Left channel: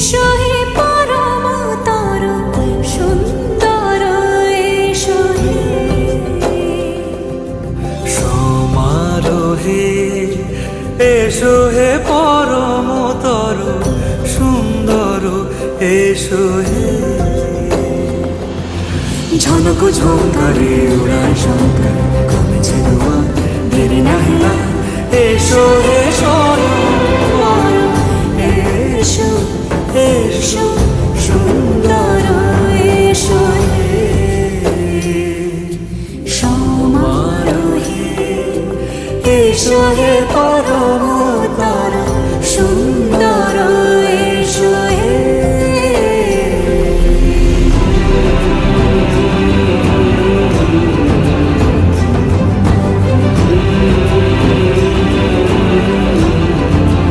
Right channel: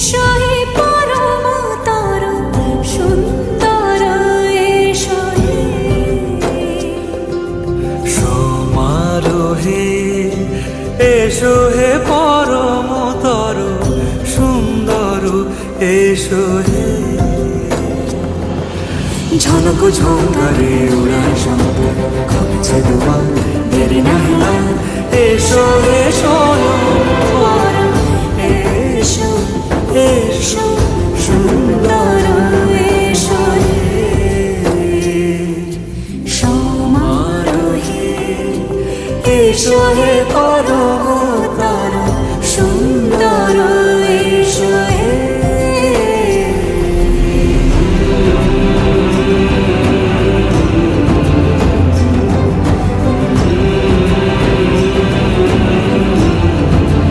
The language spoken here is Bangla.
এসো হে পরম তরু সুন্দর এসো হে সমারোহে এসো হে পরম তরু সুন্দর এসো হে ঝনক ঝঙ্কারে উড়ায় শঙ্কর করেছে দুয়ার দেরি নাহি আর এসো হে স্বয়ং পরম এসো এসো সুন্দর এসো হে সমারোহে এসো হে পরম